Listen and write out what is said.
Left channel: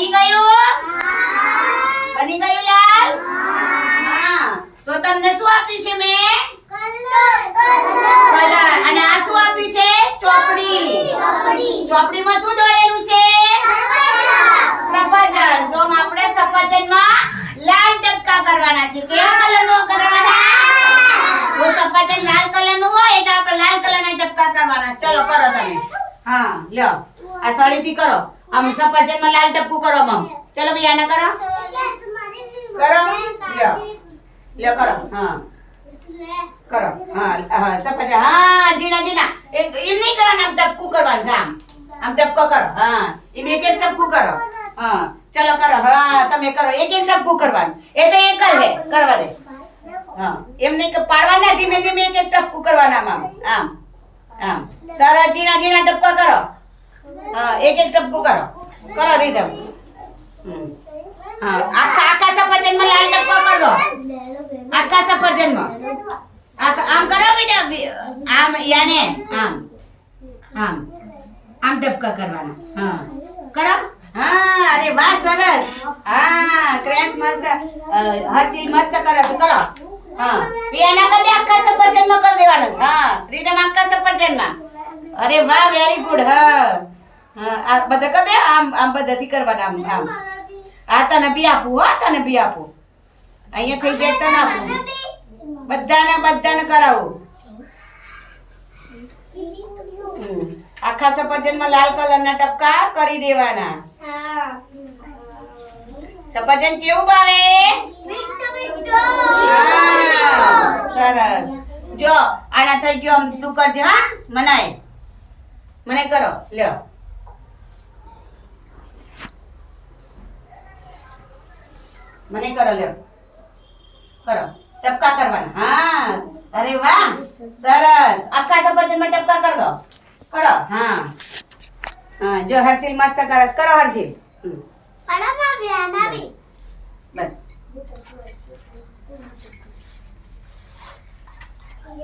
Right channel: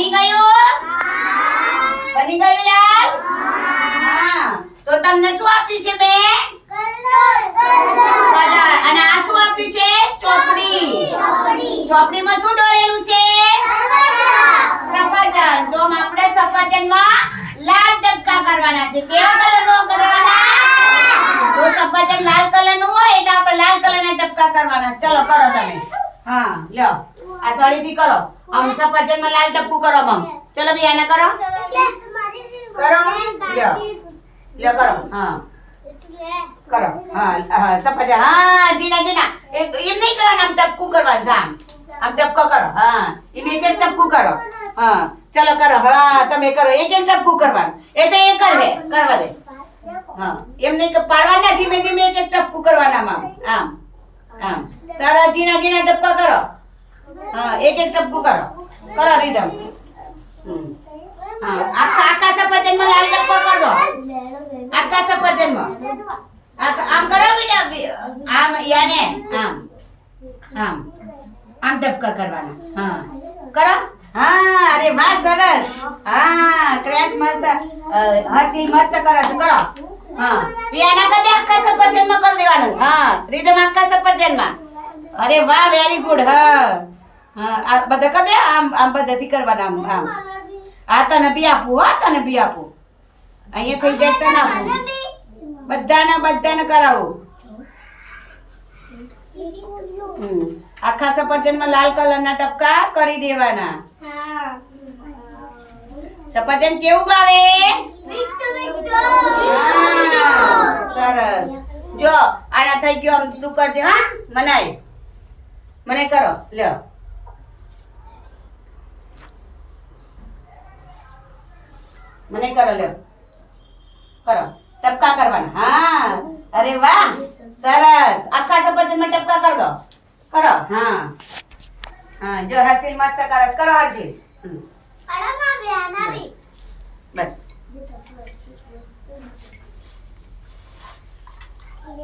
બની ગયું? બની ગયું લાલ? હા. તો તમને શું આપ્યું છે મેં? કલર. અને આ શું આપ્યું છે? ચોપડી. ચોપડીમાં શું દોરેલું છે? સફરજન. તો આપણે સફરજનમાં લાલ ટપકા કરવાના છે. કેવા કલરનો કરવાના? તો સફરજન લાલ કલરનું હોય એટલે આપણે લાલ કલરના ટપકા કરવાના. ચલો કરો તમે. હા લ્યો આ સળીથી કરો. આમ સફરજનમાં લાલ ટપકું કરો મમ. ચલો ભઈ આને કરો. કરો. લ્યો. લ્યો કરો. હા. કરો. હા હા સફરજન. હા જીના જીના. એમ નહીં કરવાનું આમ ટપકું કરવાનું છે આમ. આમ ટપકો કરો. હા. એમ એક એક ટપકું કરો. હા. ચલો કરો. હા તમે કરો. એક એક ટપકું કરવાનું. એ તો એક જ હે. કરવા દે. હા. એમ નહીં કે પાડવાના ધીમે ધીમે એક એક ટપકું કરવાના આમ. આમ. આમ. સરસ જીણા જીણા ટપકા કરો. હા એક એક ટપકું કરો. કરો રીધમ. હા આખા સફરજનમાં લાલ ટપકો કર દો. આખા સફરજનમાં. આમ કરો બેટા. આમ યાને આમ. આમ. આમ ટપકા કરવાના. હા. કરો. હા અરે વાહ સરસ. હા ક્રેન્ચ મસ્ત હર્ષિલ મસ્ત કરે છે. કરો. હા પિયાના કર દે આખા સફરજનમાં કરી દેવાનું. હા રીધમ આખા સફરજનમાં. અરે વાહ વેરી ગુડ. હા હા આ બધા કર દે આમ આમ બધાથી કરવાના આમ આમ. આ તને બી આપું. હો તને બી આપું. અહીંયા થઈ જાય તને આપું. બધાને કરાવું. આખા સફરજનમાં લાલ કલરના ટપકા કરી દેવાના. સફરજન કેવું ભાવે? સરસ. જો આના થઈ ગયો. આમ તું કરજે. હા મનાય મને કરો. લ્યો મને કરો. લ્યો કરો. ટપકા કરવાના. હા અરે વાહ સરસ. આખા સફરજનમાં ટપકા કર દો. કરો. હા હા જો હર્ષિલ મસ્ત કરસ. કરો હર્ષિલ. બસ